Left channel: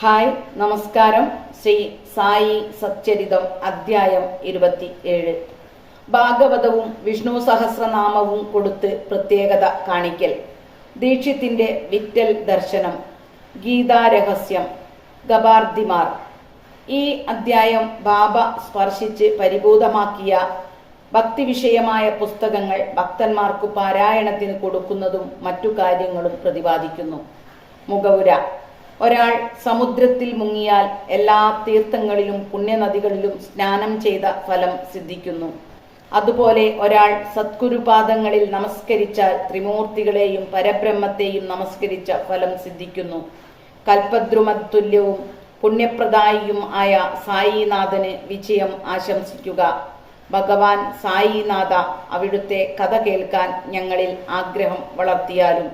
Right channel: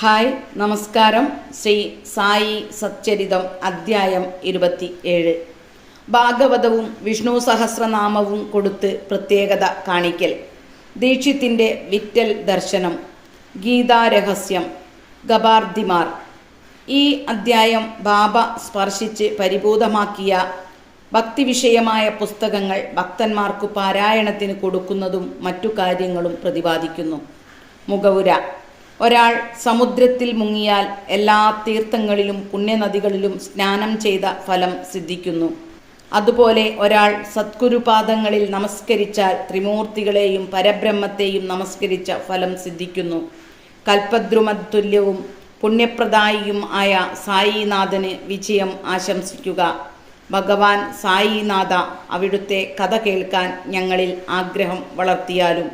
Hi, നമസ്കാരം. ശ്രീ സായി സച്ചരിതം അധ്യായം 27. ഭാഗവതവും വിഷ്ണു സഹസ്രനാമവും കൊടുത്ത് പ്രത്യേകത കാണിക്കൽ. ദീക്ഷിത്തിന്റെ വിറ്റൽ ദർശനം. ഗീതാരഹസ്യം. ഗബാർദിമാർ. ഈ അധ്യായം ബാബ സ്പർശിച്ച് പരിഭൂതമാക്കിയ ഭക്തിവിഷയമായ പുസ്തകങ്ങൾ ഭക്തന്മാർക്കു പാരായണത്തിന് കൊടുക്കുന്നതും മറ്റു കാര്യങ്ങളും പ്രതിപാദിക്കുന്നു. മുഖവുര. ഒരാൾ സമുദ്രത്തിൽ മുങ്ങിയാൽ എല്ലാ തീർത്ഥങ്ങളിലും പുണ്യനദികളിലും സ്നാനം ചെയ്ത ഫലം സിദ്ധിക്കുന്നു. അതുപോലെ ഒരാൾ സദ്ഗുരുപാദങ്ങളിൽ നമസ്കരിച്ചാൽ ത്രിമൂർത്തികളെയും പരബ്രഹ്മത്തെയും നമസ്കരിച്ച ഫലം സിദ്ധിക്കുന്നു. കൽപ്പദ്രുമതുല്യവും പുണ്യപ്രദായിയും ആയ സായിനാഥന് വിജയം ആശംസിക്കുക. ഭഗവാൻ സായിനാഥ, അവിടുത്തെ കഥ കേൾക്കാൻ ഞങ്ങളിൽ ആഗ്രഹം വളർത്തിയാലും.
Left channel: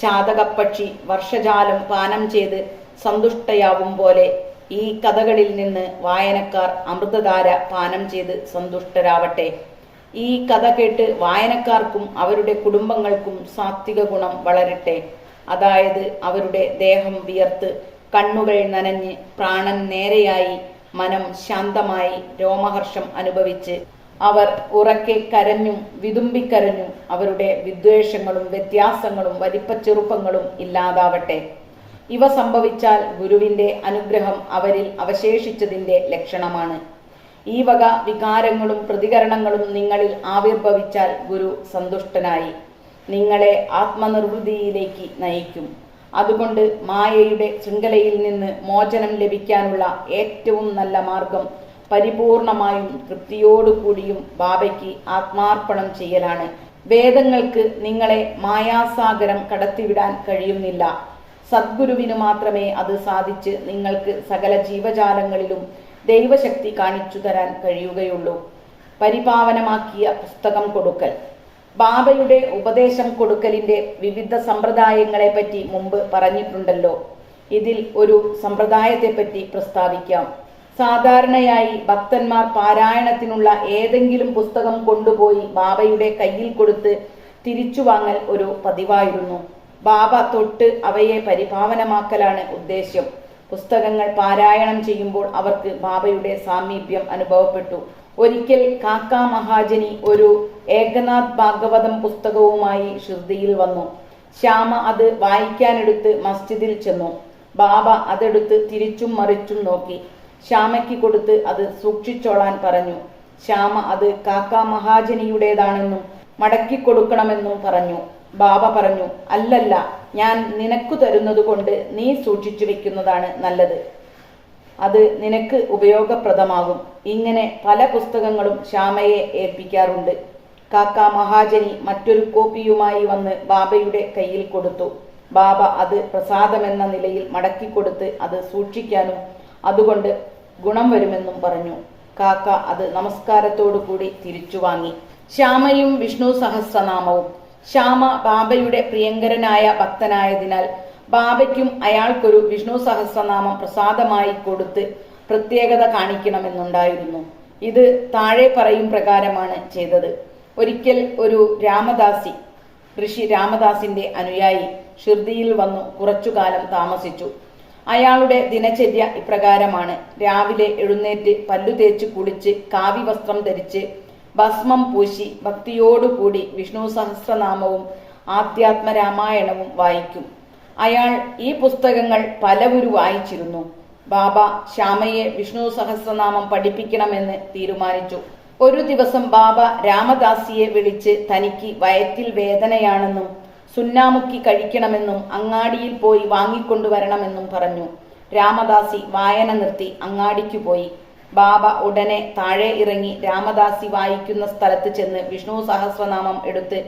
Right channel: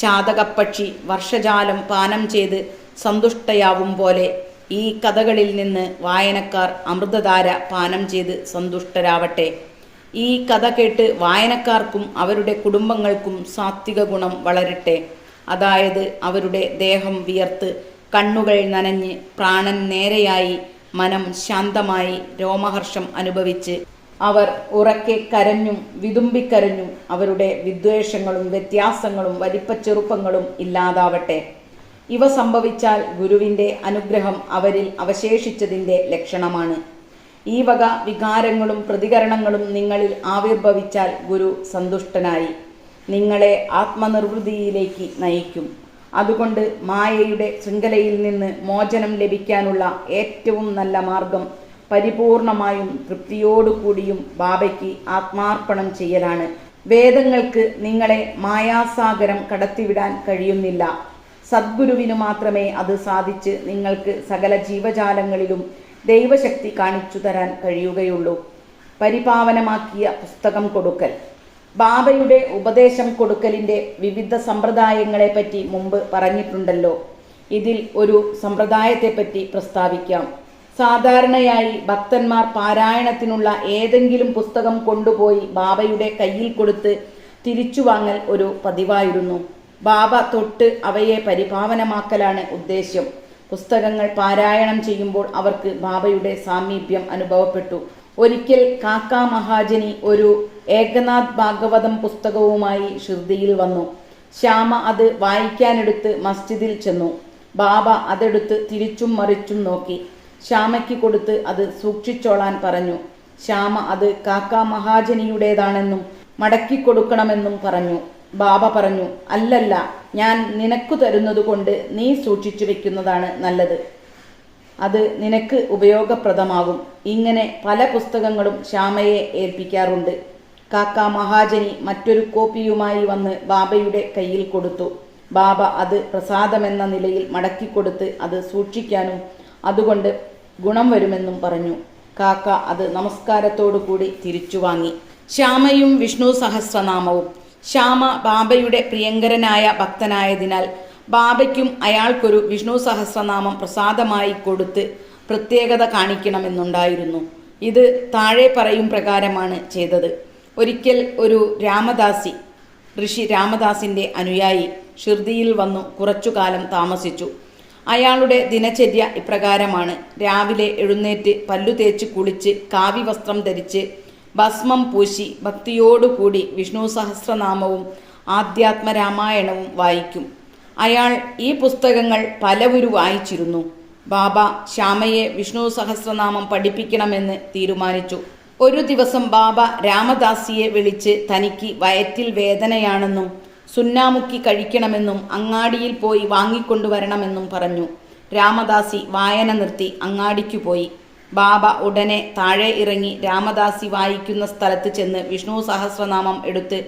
ചാതകപ്പക്ഷി വർഷജാലം പാനം ചെയ്ത് സന്തുഷ്ടയാവും പോലെ ഈ കഥകളിൽ നിന്ന് വായനക്കാർ അമൃതധാര പാനം ചെയ്ത് സന്തുഷ്ടരാവട്ടെ. ഈ കഥ കേട്ട് വായനക്കാർക്കും അവരുടെ കുടുംബങ്ങൾക്കും സാത്വിക ഗുണം വളരട്ടെ. അതായത് അവരുടെ ദേഹം വിയർത്ത്, കണ്ണുകൾ നനഞ്ഞ്, പ്രാണൻ നേരെയായി, മനം ശാന്തമായി, രോമഹർഷം അനുഭവിച്ച് അവർ ഉറക്കെ കരഞ്ഞും വിതുമ്പിക്കരഞ്ഞും അവരുടെ വിദ്വേഷങ്ങളും വ്യത്യാസങ്ങളും വലിപ്പച്ചെറുപ്പങ്ങളും ഇല്ലാതാവട്ടെ. ഇവ സംഭവിച്ചാൽ ഗുരുവിൻ്റെ അനുഗ്രഹം അവരിൽ അവശേഷിച്ചതിൻ്റെ ലക്ഷണമാണ്. ഈ വക വികാരങ്ങളും പ്രതികരണങ്ങളും നിങ്ങളിൽ ആവിർഭവിച്ചാൽ ഗുരു സന്തുഷ്ടനായി നിങ്ങളെ ആത്മനിർവൃതിയിലേക്ക് നയിക്കും. അതുകൊണ്ട് മായയുടെ ശൃംഖലയിൽ നിന്ന് മോചനം ലഭിക്കാനുള്ള ഏറ്റവും നല്ല മാർഗം പരിപൂർണമായും തൃപ്തിയോടുകൂടിയും ബാബയ്ക്ക് ആത്മാർപ്പണം ചെയ്യലാണ്. വേദങ്ങൾക്ക് നിങ്ങളെ മായാസാഗരം കടത്തിവിടാൻ കഴിയുന്നില്ല. സദ്ഗുരുവിനു മാത്രമേ അത് സാധിച്ച് നിങ്ങൾക്ക് സകല ജീവജാലങ്ങളിലും ദൈവശക്തി കാണിച്ചു തരാൻ കഴിയുകയുള്ളൂ. പരിപാവനമാക്കിയ പുസ്തകം കൊടുക്കൽ. ബാബയുടെ ഉപദേശം കൊടുക്കലിൻ്റെ വിവിധ സമ്പ്രദായങ്ങളെപ്പറ്റി മുമ്പ് പറഞ്ഞിട്ടുണ്ടല്ലോ. ഇതിൽ ഒരു സമ്പ്രദായത്തെപ്പറ്റി പ്രസ്താവിക്കാം. സാധാരണയായി ഭക്തന്മാർ പാരായണത്തിനുള്ള ഏതെങ്കിലും പുസ്തകം കൊണ്ടുപോയി ബാബയുടെ കയ്യിൽ കൊടുത്ത് തിരിച്ചു വാങ്ങൽ ഒരു പതിവായിരുന്നു. ബാബ തൊട്ട് അവയെ പരിപാവനമാക്കലാണ് ഉദ്ദേശ്യം. പുസ്തകങ്ങൾ പാരായണം ചെയ്യുമ്പോൾ അവർക്ക് ബാബയുടെ സാമീപ്യം അനുഭവപ്പെട്ടു. ഒരിക്കൽ കാക്കാ മഹാജനി ഒരു ഏകനാഥ് ഭാഗവതം പുസ്തകവുമായി ഷിർദിയിൽ വന്നു. ശ്യാമ അത് വായിക്കാനെടുത്ത് മസ്ജിദിൽ ചെന്നു. ബാബ അതെടുത്ത് തിരിച്ചും മറിച്ചും നോക്കി. ശ്യാമയ്ക്ക് കൊടുത്ത് അത് സൂക്ഷിച്ചോളാൻ പറഞ്ഞു. ശ്യാമ അത് കാക്കാ മഹാജനിയുടേതാണെന്നും മടക്കിക്കൊടുക്കണമെന്നും പറഞ്ഞു. ബാബ പറഞ്ഞു, അല്ലല്ല, ഞാൻ നിനക്കു തരുന്നത് കൊണ്ട് നീ സൂക്ഷിച്ചു വെക്കുന്നതാണ് നല്ലത്. അത് നിനക്ക് ഉപയോഗപ്രദമാകും. ഇങ്ങനെ പല പുസ്തകങ്ങളും ശ്യാമയെ ഏൽപ്പിക്കാറുണ്ട്. കാക്കാ മഹാജനി മറ്റൊരു കോപ്പിയുമായി വന്ന് ബാബയുടെ കയ്യിൽ കൊടുത്തു. ബാബ അത് പ്രസാദമെന്ന നിലയിൽ മടക്കിക്കൊടുത്ത് അത് സൂക്ഷിക്കാനും അതുകൊണ്ട് ഗുണം വരുമെന്നും പറഞ്ഞു. കാക്ക അത് നമസ്കാരത്തോടു കൂടി തിരിച്ചു വാങ്ങി. ശ്യാമയും വിഷ്ണു സഹസ്രനാമവും. ശ്യാമ ബാബയുടെ പ്രിയങ്കരനായ ഭക്തനായതിനാൽ ബാബയ്ക്കും അയാൾക്കൊരു വിഷ്ണു സഹസ്രനാമം പ്രസാദമായി കൊടുത്ത് പ്രത്യേകത കാണിക്കണമെന്നുണ്ടായിരുന്നു. ഇത് താഴെ പറയും പ്രകാരമാണ് ചെയ്തത്. ഒരിക്കൽ ഒരു രാമദാസി, ഋഷി രാമദാസിന്റെ അനുയായി, ഷിർദിയിൽ വന്നു കുറച്ചുകാലം താമസിച്ചു. അയാളുടെ ദിനചര്യ ഇപ്രകാരമാണ്. രാവിലെ എഴുന്നേറ്റ് പല്ലു തേച്ച് കുളിച്ച് കാവി വസ്ത്രം ധരിച്ച് ഭസ്മം പൂശി ഭക്തിയോടുകൂടി വിഷ്ണു സഹസ്രനാമവും ആധ്യാത്മരാമായണവും വായിക്കും. അയാൾ ഈ പുസ്തകങ്ങൾ പലവരു വായിച്ചിരുന്നു. ബാബ ശ്യാമയെ വിഷ്ണു സഹസ്രനാമം പഠിപ്പിക്കണമെന്ന് തീരുമാനിച്ചു. ഒരു ദിവസം ബാബ രാമദാസിയെ വിളിച്ച് തനിക്ക് വയറ്റിൽ വേദനയാണെന്നും സുന്നാമുക്കി കഴിക്കണമെന്നും അങ്ങാടിയിൽ പോയി വാങ്ങിക്കൊണ്ടുവരണമെന്നും പറഞ്ഞു. രാമദാസി വായന നിർത്തി അങ്ങാടിക്കു പോയി. ബാബ ഉടനെ താഴെ ഇറങ്ങി രാമദാസി വായിക്കുന്ന സ്ഥലത്ത് ചെന്ന് വിഷ്ണു സഹസ്രനാമം എടുത്ത്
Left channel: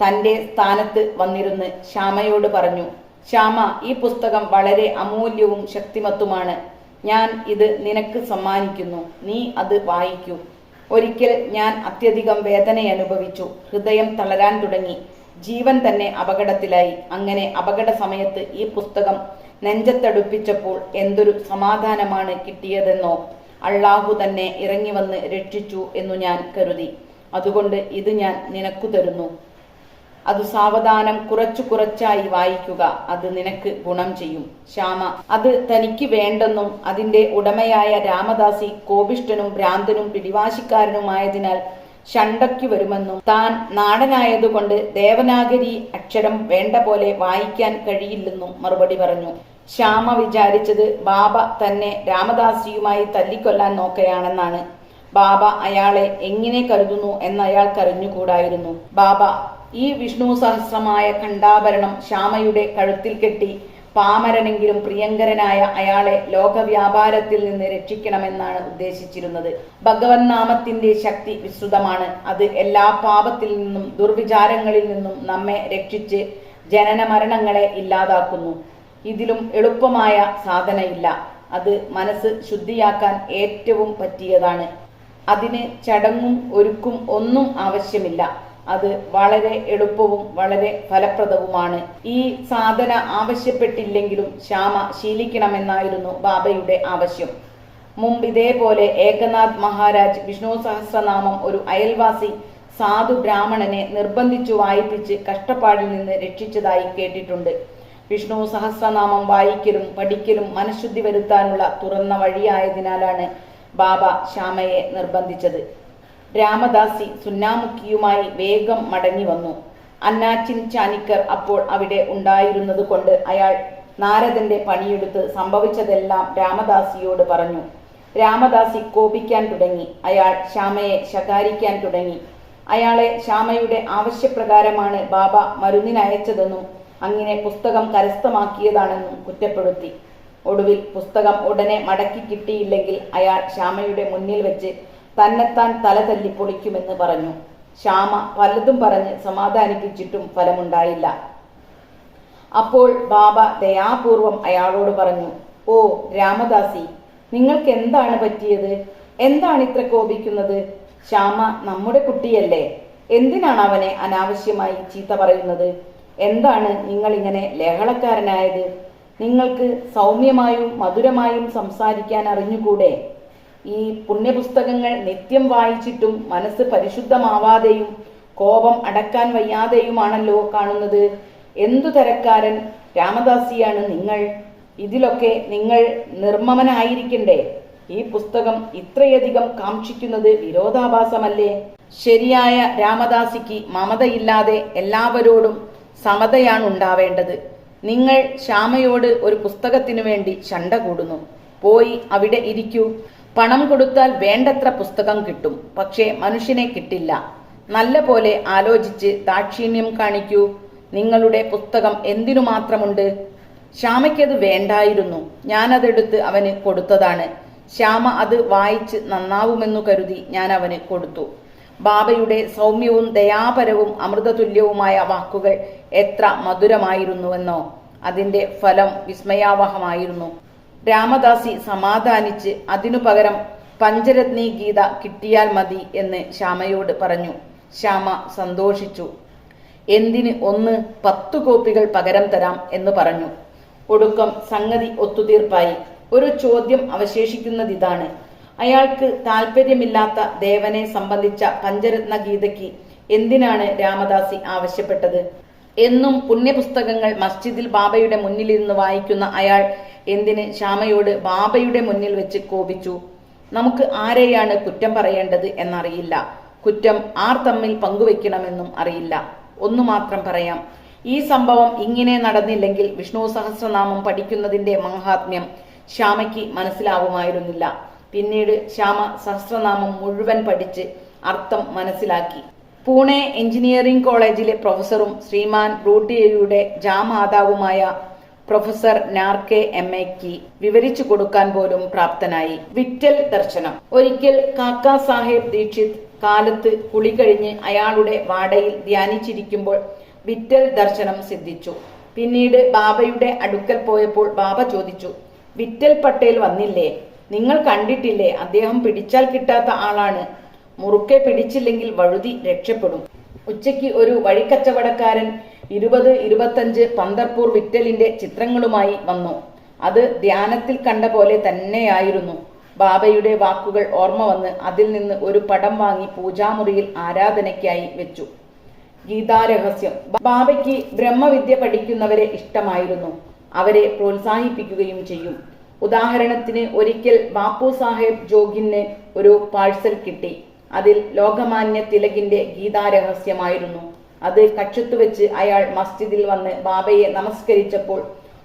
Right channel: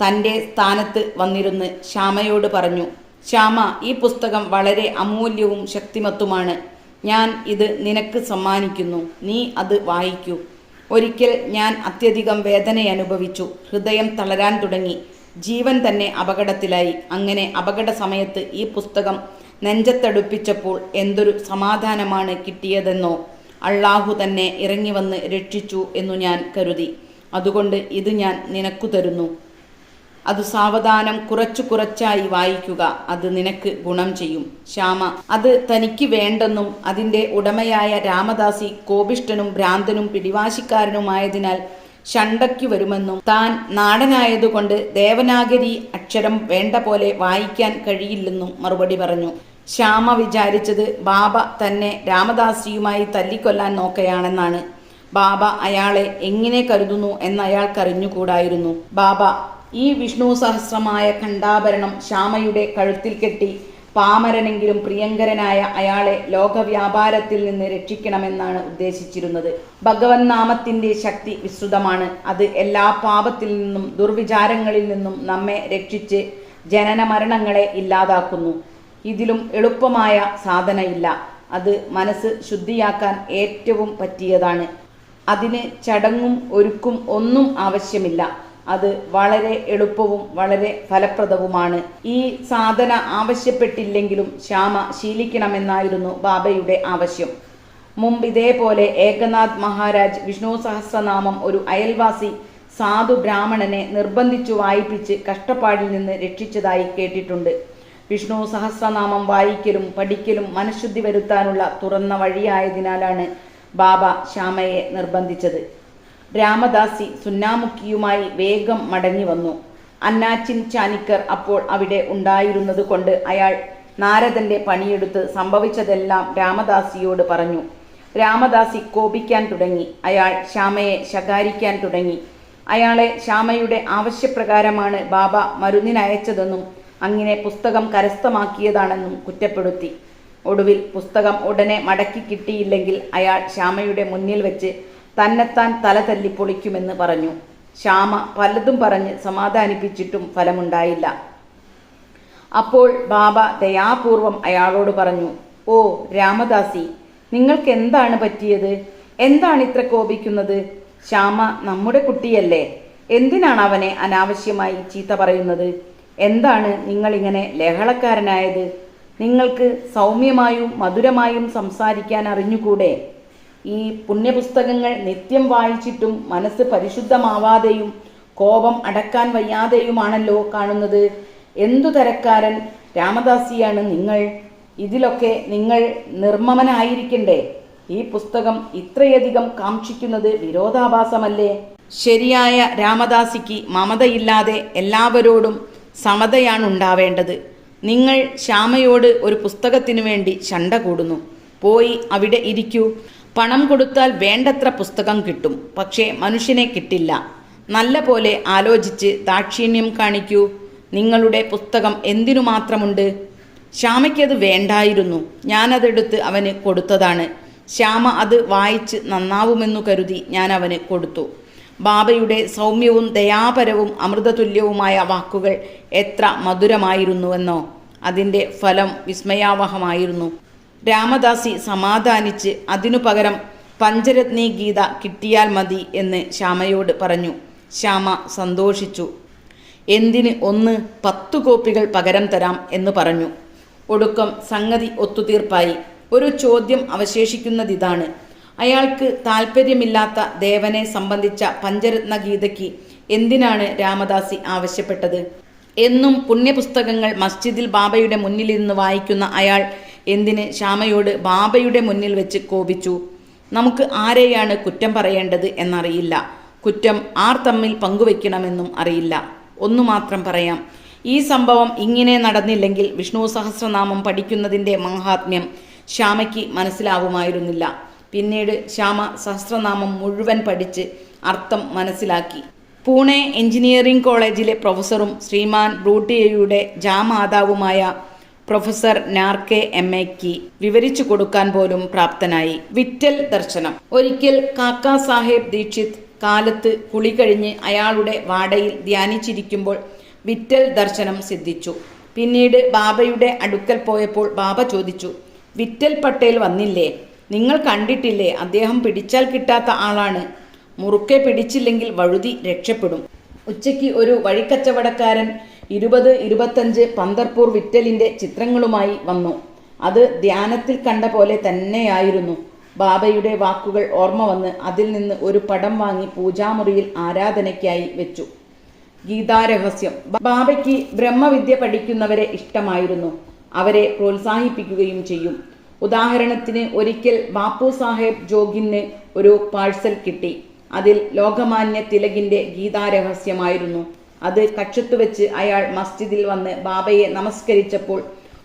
തൻ്റെ സ്ഥാനത്ത് വന്നിരുന്ന് ശ്യാമയോട് പറഞ്ഞു, ശ്യാമ, ഈ പുസ്തകം വളരെ അമൂല്യവും ശക്തിമത്തുമാണ്. ഞാൻ ഇത് നിനക്ക് സമ്മാനിക്കുന്നു. നീ അത് വായിക്കൂ. ഒരിക്കൽ ഞാൻ അത്യധികം വേദനയനുഭവിച്ചു. ഹൃദയം തളരാൻ തുടങ്ങി. ജീവൻ തന്നെ അപകടത്തിലായി. അങ്ങനെ അപകട സമയത്ത് ഈ പുസ്തകം നെഞ്ചത്തടുപ്പിച്ചപ്പോൾ എന്തൊരു സമാധാനമാണ് കിട്ടിയതെന്നോ. അള്ളാഹു തന്നെ ഇറങ്ങി വന്ന് രക്ഷിച്ചു എന്നു ഞാൻ കരുതി. അതുകൊണ്ട് ഇത് ഞാൻ നിനക്കു തരുന്നു. അത് സാവധാനം കുറച്ചു കുറച്ചായി വായിക്കുക. അത് നിനക്ക് ഗുണം ചെയ്യും. ശ്യാമ അത് തനിക്ക് വേണ്ടെന്നും അതിൻ്റെ ഉടമയായ രാമദാസി കോപിഷ്ഠനും ഭ്രാന്തനും പിടിവാശിക്കാരനുമായതിനാൽ ശണ്ടയ്ക്കു വരുമെന്നും താൻ നാടനായതുകൊണ്ട് ദേവനാഗരി അക്ഷരം വേണ്ട പോലെ വായിക്കാൻ കഴിയില്ലെന്നും മറുപടി പറഞ്ഞു. ശ്യാമ വിചാരിച്ചത് ബാബ തന്നെ രാമദാസിയുമായി തല്ലിക്കൊല്ലാൻ നോക്കുകയാണെന്നാണ്. ബാബ അയാളെ എങ്ങനെ കരുതുന്നു എന്നയാൾക്കറിഞ്ഞുകൂടായിരുന്നു. ബാബ ഈ വിഷ്ണു സഹസ്രമായ ഖണ്ഡാഭരണം ശ്യാമയുടെ കഴുത്തിൽ കെട്ടി പാമരനെങ്കിലും പ്രിയങ്കരനായ അയാളെ ലോകവ്യാപാരത്തിൽ നിന്ന് രക്ഷിക്കണമെന്നാണ് ഉദ്ദേശിച്ചിരുന്നത്. ഭഗവൻ നാമത്തിന്റെ ശക്തി വിസ്തൃതമാണ്. അത് എല്ലാ പാപത്തിൽ നിന്നും ദുർവിചാരങ്ങളിൽ നിന്നും നമ്മെ രക്ഷിച്ച് ജനന മരണങ്ങളെ ഇല്ലാതാക്കുന്നു. ഇതിലും എളുപ്പമായ സാധനയില്ല. അത് മനസ്സ് ശുദ്ധിയാക്കാൻ ഏറ്റവും പറ്റിയതാണ്. അതിന് ചടങ്ങും ഒരുക്കും ഒന്നും ആവശ്യമില്ല. അത് വളരെ എളുപ്പവും വളരെ ഫലപ്രദവുമാണ്. ഈ സാധന ആവശ്യപ്പെട്ടില്ലെങ്കിലും ശ്യാമ ശീലിക്കണമെന്നായിരുന്നു ബാബയുടെ ആവശ്യം. മുമ്പ് ഇതേപോലെ ഏകനാഥ് മഹാരാജ് വിഷ്ണു സഹസ്രനാമം ഒരു അയൽവാസി സാധു ബ്രാഹ്മണനെ നിർബന്ധിച്ചു വായിപ്പിച്ച് കഷ്ടപ്പാടിൽ നിന്ന് രക്ഷിച്ചതായി കേട്ടിട്ടുണ്ട്. വിഷ്ണു സഹസ്രനാമം വായിക്കലും പഠിക്കലും മനഃശുദ്ധി വരുത്താനുള്ള തുറന്ന വഴിയായതിനാലാണ് ബാബ ശ്യാമയെ നിർബന്ധിച്ചത്. രാമദാസി സുന്നാമുഖിയുമായി വേഗം മടങ്ങി വന്നു. അന്നാച്ചിൻ ചാനിക്കർ അപ്പോൾ അവിടെ ഉണ്ടായിരുന്നത് കൊണ്ട് അയാൾ നാരദന്റെ പണിയെടുത്ത് സംഭവിച്ചതെല്ലാം രാമദാസിയോട് പറഞ്ഞു. രാമദാസി കോപിക്കാൻ തുടങ്ങി. അയാൾ ശ്യാമയെ ശകാരിക്കാൻ തുടങ്ങി. അയാളെ ശ്യാമയുടെ ആവശ്യപ്രകാരമാണ് ബാബ മരുന്നിനയച്ചതെന്നും അങ്ങനെ പുസ്തകം കരസ്ഥമാക്കിയതാണെന്നും കുറ്റപ്പെടുത്തി. ഒടുവിൽ പുസ്തകം ഉടനെ മടക്കി കിട്ടിയില്ലെങ്കിൽ അയാൾ ശ്യാമയുടെ മുന്നിൽ വെച്ച് തന്നെത്താൻ തല തല്ലി പൊളിക്കുമെന്ന് പറഞ്ഞു. ശ്യാമ പലതും പറഞ്ഞ് സമാധാനിപ്പിച്ചിട്ടും ഫലമുണ്ടായില്ല. അപ്പോൾ ബാബ ദയാപൂർവം അയാളോട് പറഞ്ഞു, ഓ രാമദാസി, നിങ്ങൾക്ക് എന്താണ് പറ്റിയത്? എന്താണ് ഇത്ര കോപിക്കുന്നത്? ശ്യാമ നമ്മുടെ കുട്ടിയല്ലേ. എന്തിനാണ് അവനെ അനാവശ്യമായി ചീത്ത പറയുന്നത്? എന്താണ് നിങ്ങളിങ്ങനെ ലഹളക്കാരനായത്? നിങ്ങൾക്ക് സൗമ്യമായും മധുരമായും സംസാരിക്കാൻ അറിഞ്ഞുകൂടെ? ഈ പുണ്യപുസ്തകങ്ങൾ നിത്യം വായിച്ചിട്ടും മനസ്സ് പരിശുദ്ധമാവാതെയും കോപം അടക്കാൻ വയ്യാതെയുമാണല്ലോ കാണുന്നത്. എന്തു തരക്കാരൻ രാമദാസിയാണ് നിങ്ങൾ? ഇതിലൊക്കെ നിങ്ങൾ നിർമ്മമനായിരിക്കണ്ടേ? ഈ പുസ്തകം ഇത്രയധികം കാക്ഷിക്കുന്നത് വിരോധാഭാസമല്ലേ? ശരിയായ രാമദാസിക്ക് മമതയില്ലാതെ എല്ലാവരോടും സമതയാണുണ്ടാവേണ്ടത്. നിങ്ങൾ ശ്യാമയോട് ഒരു പുസ്തകത്തിനു വേണ്ടി ശണ്ട കൂടുന്നു. പോയി അവിടെ ഇരിക്കൂ. പണം കൊടുത്താൽ വേണ്ടത്ര പുസ്തകം കിട്ടും, പക്ഷേ മനുഷ്യനെ കിട്ടില്ല. നല്ല പോലെ ആലോചിച്ച് ദാക്ഷിണ്യം കാണിക്കൂ. നിങ്ങളുടെ പുസ്തകം എന്തിനു മാത്രമുണ്ട്? ശ്യാമയ്ക്കത് വേണ്ടായിരുന്നു. ഞാനതെടുത്ത് അവന് കൊടുത്തതാണ്. ശ്യാമ അത് വായിച്ച് നന്നാവുമെന്നു കരുതി ഞാൻ അവന് കൊടുത്തു. ബാബയുടെ സൗമ്യവും ദയാപരവും അമൃതതുല്യവുമായ വാക്കുകൾ എത്ര മധുരമായിരുന്നുവെന്നോ. അതിൻ്റെ ഫലം വിസ്മയാവഹമായിരുന്നു. രാമദാസി സമാധാനിച്ച് അതിനു പകരം പഞ്ചരത്നി ഗീത കിട്ടിയാൽ മതി എന്ന് ശ്യാമയോട് പറഞ്ഞു. ശ്യാമ സന്തോഷിച്ചു. എന്തിന് 10 കോപ്പികൾ പകരം തരാം എന്ന് പറഞ്ഞു. ഒടുക്കം സംഗതി ഒത്തുതീർപ്പായി. ഒരു ചോദ്യം അവശേഷിക്കുന്നതിതാണ്. അയാൾക്ക് താല്പര്യമില്ലാത്ത ദേവനെ സംബന്ധിച്ച പഞ്ചരത്ന ഗീതയ്ക്ക് എന്തിനാണ് രാമദാസി ആവശ്യപ്പെട്ടത്? എന്നും പുണ്യപുസ്തകങ്ങൾ മസ്ജിദിൽ ബാബയുടെ മുന്നിലിരുന്ന് വായിക്കുന്ന അയാൾ എന്തിന് ശ്യാമയോട് ബാബയുടെ മുന്നിൽ വെച്ച് കോപിച്ചു? നമുക്ക് ആരെയാണ് കുറ്റം പറയേണ്ടത് എന്നറിയില്ല. കുറ്റം ആർ തമ്മിൽ പങ്കുവെക്കണമെന്നും അറിയില്ല. ഒന്നു മാത്രം പറയാം, ഈ സംഭവം ഇങ്ങനെ നടന്നില്ലെങ്കിൽ വിഷ്ണു സഹസ്രനാമം പഠിക്കുന്നതിൻ്റെ മഹാത്മ്യം ശ്യാമയ്ക്ക് മനസ്സിലാവുമായിരുന്നില്ല. പിന്നീട് ശ്യാമ സഹസ്രനാമം മുഴുവൻ പഠിച്ച് അർത്ഥം മനസ്സിലാക്കി. പൂനെ എഞ്ചിനീയറിംഗ് കോളേജിലെ പ്രൊഫസറും ശ്രീമാൻ ബ്രൂട്ടിയയുടെ ജാമാതാവുമായ പ്രൊഫസർ നാർക്കെ എംഎക്ക് വിവരിച്ചു കൊടുക്കാൻ പോലും പ്രാപ്തനായി. വിറ്റൽ ദർശനം. ഒരിക്കൽ കാക്കാ സാഹേബ് ദീക്ഷിത് കാലത്ത് കുളി കഴിഞ്ഞ് അയാളുടെ വാടയിൽ ധ്യാനിച്ചിരിക്കുമ്പോൾ വിറ്റൽ ദർശനം സിദ്ധിച്ചു. പിന്നീട് ബാബയുടെ അടുക്കൽ പോയപ്പോൾ ബാബ ചോദിച്ചു, വിറ്റൽ പട്ടേൽ വന്നില്ലേ? നിങ്ങൾ കണ്ടിട്ടില്ലേ? അദ്ദേഹം പിടിച്ചാൽ കിട്ടാത്ത ആളാണ്. മുറുക്കെ പിടിച്ചില്ലെങ്കിൽ വഴുതി രക്ഷപ്പെടും. ഉച്ചയ്ക്ക് ഒരു വഴിക്കച്ചവടക്കാരൻ 20-25 പന്തർപൂർ വിറ്റലിന്റെ ചിത്രങ്ങളുമായി വന്നു. അത് ധ്യാനത്തിൽ കണ്ട പോലെ തന്നെയായിരുന്നു. ബാബയുടെ വാക്കുകൾ ഓർമ്മ വന്ന് അതിൽ നിന്ന് ഒരു പടം വാങ്ങി പൂജാമുറിയിൽ ആരാധനയ്ക്കായി വെച്ചു. ഗീതാരഹസ്യം. ബാബയ്ക്ക് ബ്രഹ്മവിദ്യ പഠിക്കുന്നവരെ ഇഷ്ടമായിരുന്നു. അവരെ പ്രോത്സാഹിപ്പിക്കുകയും ചെയ്യും. ഉദാഹരണത്തിന് ഒരിക്കൽ ബാപ്പു സാഹേബ് ജോഗിന് ഒരു പാഴ്സൽ കിട്ടി. അതിൽ ലോകമാന്യ തിലകിന്റെ ഗീതാരഹസ്യമായിരുന്നു. അത് കക്ഷത്തു വെച്ച് അയാൾ മസ്ജിദിൽ വന്ന് ബാബയെ നമസ്കരിച്ചപ്പോൾ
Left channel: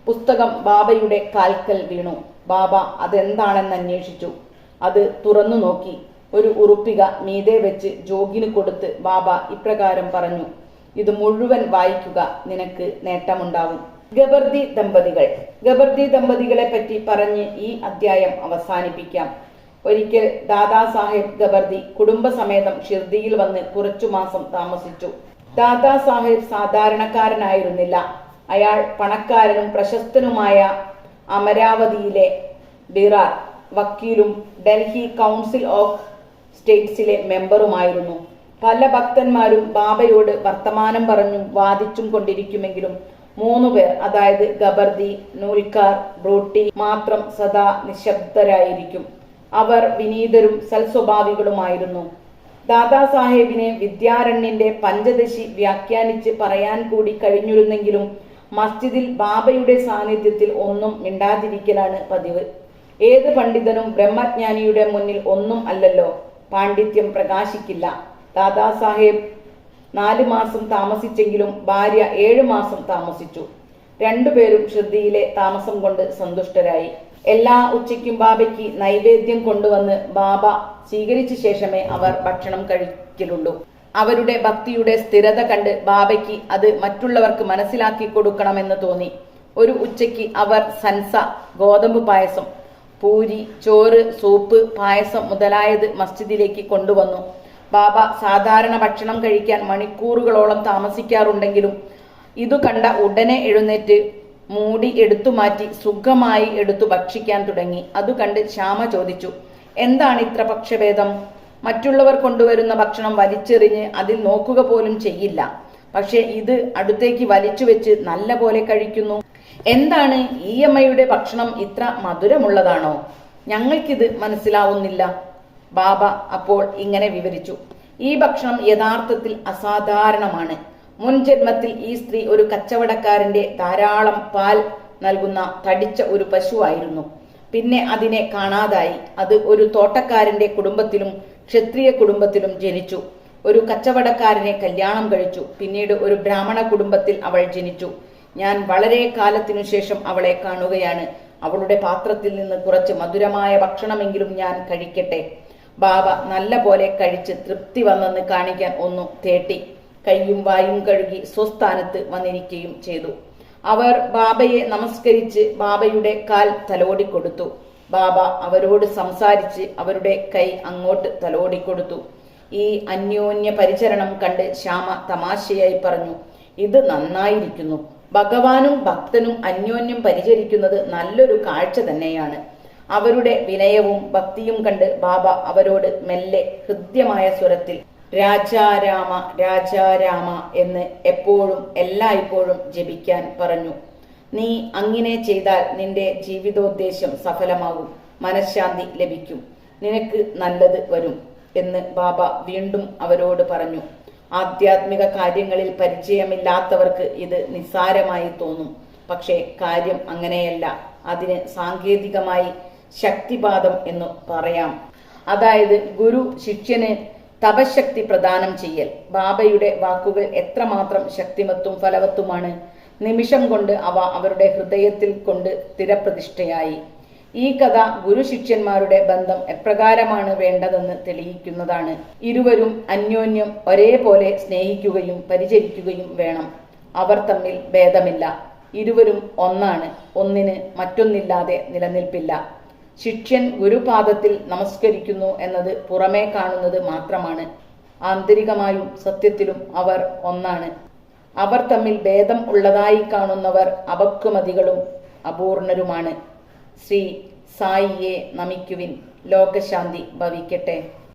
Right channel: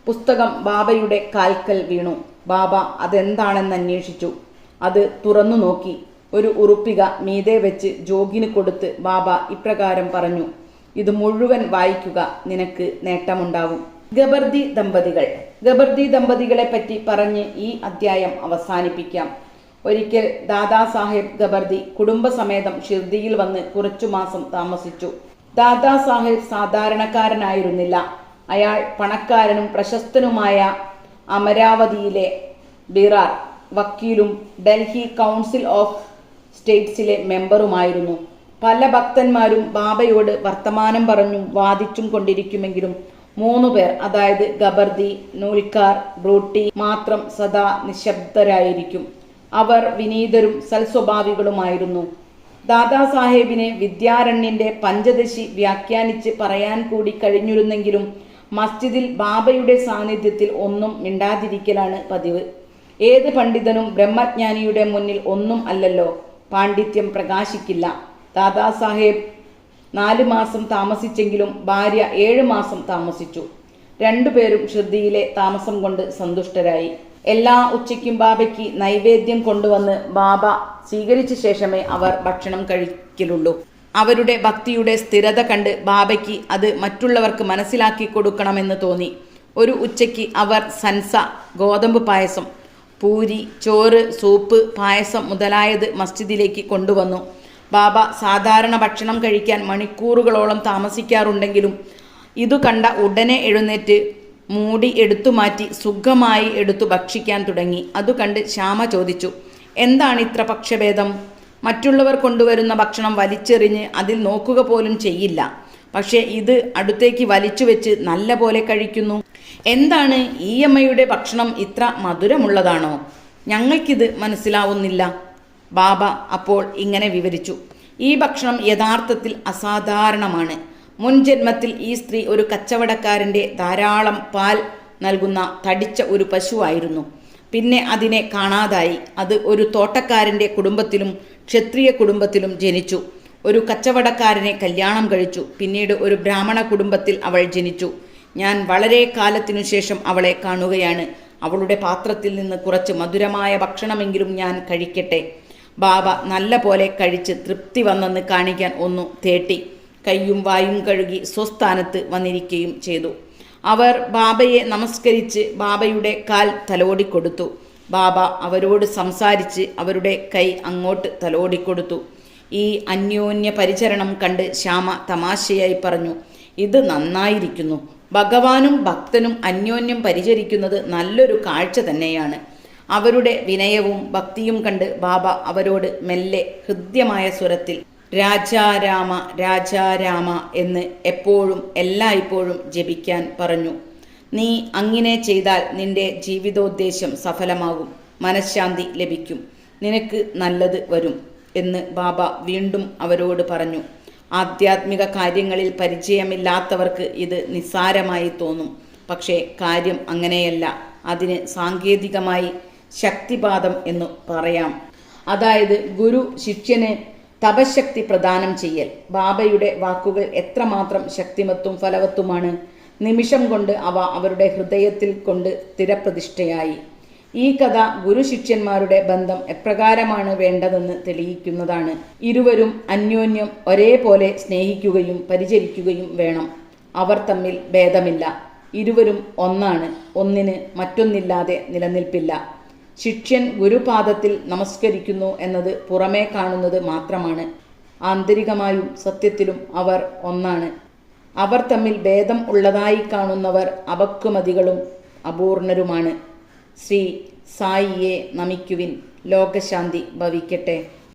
പുസ്തകം ബാബയുടെ കാൽക്കൽ വീണു. ബാബ അതെന്താണെന്ന് അന്വേഷിച്ചു. അത് തുറന്നു നോക്കി. ഒരു ഉറുപ്പിക മീതെ വെച്ച് ജോഗിന് കൊടുത്ത് ബാബ ഇപ്രകാരം പറഞ്ഞു: ഇത് മുഴുവൻ വായിക്കുക, നിനക്ക് നേട്ടമുണ്ടാവും. ഗബർദി ദമ്പതികൾ. ഗബർദി ദമ്പതികളെ പറ്റി പറഞ്ഞ് ഈ അധ്യായം അവസാനിപ്പിക്കാം. ഒരിക്കൽ ദാദാ സാഹേബ് ഗബർദി കുടുംബസമേതം ഷിർദിയിൽ വന്ന് കുറച്ചു മാസം താമസിച്ചു. ദാദാ സാഹേബ് സാധാരണക്കാരനായിരുന്നില്ല. അയാൾ പണക്കാരനും പ്രശസ്തനുമായ അമരാവതിയിലെ ബിറാർ വക്കീലും ഡൽഹി കൗൺസിൽ ഓഫ് സ്റ്റേറ്റ്സിലെ മെമ്പറുമായിരുന്നു. പല ഭക്തന്മാരും ബാബയോട് വർത്തമാനം പറഞ്ഞും വാദിച്ചും കൊണ്ടിരിക്കുമെങ്കിലും 3 പേർ, അതായത് ഗബർദി, നൂൽക്കാർ, ബ്രൂട്ടി മാത്രം സദാ നിശബ്ദരായിരിക്കും. അവർ വിനീതരും സൽസ്വഭാവികളുമായിരുന്നു. ദാദാ സാഹേബിന് വിദ്യാരണ്യന്റെ പഞ്ചദശി വ്യാഖ്യാനിച്ച് പറയാൻ കൂടി കഴിഞ്ഞിരുന്നെങ്കിലും മസ്ജിദിൽ ബാബയുടെ സാന്നിധ്യത്തിൽ ഒന്നും മിണ്ടാതിരിക്കലാണ് പതിവ്. ഏത് പണ്ഡിതനും ബ്രഹ്മജ്ഞാനിയുടെ മുന്നിൽ ഒന്നും അല്ലല്ലോ, പാണ്ഡിത്യം പ്രകാശിക്കില്ല. ദാദാ സാഹേബ് 4 മാസം താമസിച്ചെങ്കിലും ഭാര്യ 7 മാസം താമസിച്ചു. 2 പേരും ഷിർദിയിലെ താമസം കൊണ്ട് സന്തുഷ്ടരായി. എല്ലാ ഉച്ചയ്ക്കും ബാബയ്ക്ക് നൈവേദ്യം കൊണ്ടുവന്ന് ബാബ സ്വീകരിച്ച ശേഷമേ അവർ ഭക്ഷണം കഴിക്കലുള്ളൂ. അവരുടെ ഭക്തിയുടെ സ്ഥിരത കണ്ട് ബാബയ്ക്ക് അത് മറ്റുള്ളവർക്ക് മനസ്സിലാക്കി കൊടുക്കണമെന്ന് തോന്നി. ഒരു ഉച്ചയ്ക്ക് അവർ സൻസ, ഗോതമ്പ് പായസം, പൂരി, ചോറ്, സൂപ്പ്, പായസം മുതലായത് മസ്ജിദിലേക്ക് കൊണ്ടുവന്നു. ബാബ സാധാരണ ഭക്ഷണം കഴിക്കാൻ മണിക്കൂറുകളോളം താമസിക്കാറുണ്ടെങ്കിലും ഇതു കണ്ട ഉടനെ എഴുന്നേറ്റ് മൂടി എടുത്തുമാറ്റി സുഖമായി എടുത്തു ഭക്ഷിക്കാൻ തുടങ്ങി. അതു കണ്ട് ശ്യാമ ചോദിച്ചു: എന്താണ് ഇത്ര പക്ഷഭേദം? മറ്റുള്ളവർ കൊണ്ടുവരുന്ന ഭക്ഷണം വലിച്ചെറിഞ്ഞ് അതിൽ നോക്കുക പോലും ചെയ്യില്ല. പക്ഷെ ഇത് അടുത്തേക്ക് വലിച്ചു വെച്ച് നല്ല പോലെ കഴിക്കുന്നു. എന്താണ്, ഈ അമ്മയുടെ ഭക്ഷണം ഇത്ര മധുരമുള്ളതാണോ? ഞങ്ങൾക്കിത് മനസ്സിലാവുന്നില്ല. ബാബ അപ്പോൾ ഇങ്ങനെ വിവരിച്ചു: ഈ ഭക്ഷണം യഥാർത്ഥത്തിൽ അസാധാരണമാണ്. മുൻ ജന്മത്തിൽ ഈ സ്ത്രീ ഒരു കച്ചവടക്കാരന്റെ ധാരാളം പാൽ നൽകുന്ന തടിച്ച ഒരു പശുവായിരുന്നു. പിന്നെ അതിനെ കാണാതായി. അത് ഒരു തോട്ടക്കാരന്റെ കുടുംബത്തിലും ക്ഷത്രിയ കുടുംബത്തിലും ജനിച്ചു. ഒരു കച്ചവടക്കാരനെ കല്യാണം കഴിച്ചു. പിന്നീട് ഒരു ബ്രാഹ്മണ കുടുംബത്തിൽ അവൾ ജനിച്ചു. ഞാൻ വളരെ കാലത്തിനു ശേഷം അവളെ കാണുകയാണ്. അവളുടെ പാത്രത്തിൽ നിന്ന് കുറച്ച് മധുരമായ ഭക്ഷണമെങ്കിലും ഞാൻ കഴിക്കട്ടെ. ബാബ നല്ല പോലെ കഴിച്ച് തൃപ്തി വന്നെന്ന് കാണിക്കാൻ ഒന്നു തേട്ടി കൈയും വായും കഴുകി സ്വസ്ഥാനത്ത് വന്നിരിക്കുകയും ചെയ്തു. അവർ ബാബയെ നമസ്കരിച്ച് ബാബയുടെ കാൽ തലോടിക്കൊടുത്തു. ബാബ അവരോട് സംസാരിച്ച് അവരുടെ കൈ അങ്ങോട്ട് തലോടിക്കൊടുത്തു. ഈ അന്യോന്യ പരിചരണം കണ്ട് ശ്യാമ തമാശയായി പറഞ്ഞു: ഇത് നന്നായിരിക്കുന്നു. ഭഗവാനും ഭക്തനും അന്യോന്യം പരിചരിക്കുന്നത് നല്ലൊരു കാഴ്ച തന്നെയാണ്. അവരുടെ വിനയവും ഭക്തിയും കണ്ട് ബാബ അവരോട് മെല്ലെ ഹൃദ്യമായ സ്വരത്തിൽ രാജാരാമ രാജാരാമ എന്ന് എപ്പോഴും എല്ലായ്പ്പോഴും ജപിക്കാൻ പറഞ്ഞു. നീ അങ്ങനെ ചെയ്താൽ നിന്റെ ജീവിതോദ്ദേശ്യം സഫലമാകും, മനഃശാന്തി ലഭിക്കും, നിനക്ക് നല്ലത് വരും എന്ന് ബാബ വീണ്ടും അവരോട് പറഞ്ഞു. ആധ്യാത്മിക കാര്യങ്ങളിൽ പരിചയമില്ലാത്തവർക്ക് ഇത് നിസ്സാരമായി തോന്നും. പക്ഷേ കാര്യം അങ്ങനെയല്ല. അതിന് സാങ്കേതികമായി ശക്തിപാതം എന്ന് പറയാം. അതായത് ഗുരു ശിഷ്യന് തപശക്തി പ്രദാനം ചെയ്യൽ. ബാബയുടെ വാക്കുകൾ എത്രമാത്രം ശക്തിമത്തും ഫലവത്തുമാണ്. നിമിഷം കൊണ്ട് അവ അവരുടെ ഹൃദയത്തിൽ കൊണ്ട് സ്ഥിരപ്രതിഷ്ഠയായി. ഈ കഥ ഗുരു ശിഷ്യന്മാരുടെ ബന്ധം എപ്രകാരമാണ് വേണ്ടതെന്ന് തെളിയിക്കുന്നതാണ്. ഇരുവരും അന്യോന്യം ഒരേപോലെ സ്നേഹിക്കുകയും പരിചരിക്കുകയും വേണം. അവർ തമ്മിൽ ഭേദമില്ല. ഇരുവരും ഒന്നാണ്. ഒന്നിന് മറ്റൊന്നില്ലാതെ നിലനിൽപ്പില്ല. ശിഷ്യൻ ഗുരുപാദത്തിൽ നമസ്കരിക്കുന്നു എന്നത് പുറമേ കാണുന്നത് മാത്രമാണ്. ആന്തരികമായും സത്യത്തിലും അവർ ഒന്നാണ്. അവർ തമ്മിൽ ഭേദം ഉള്ളതായി കാണുന്നവർ അപക്വമതികളും അപൂർണരുമാണ്. ശ്രീ സായിയെ നമിക്കുവിൻ. ലോകശാന്തി ഭവിക്കട്ടെ.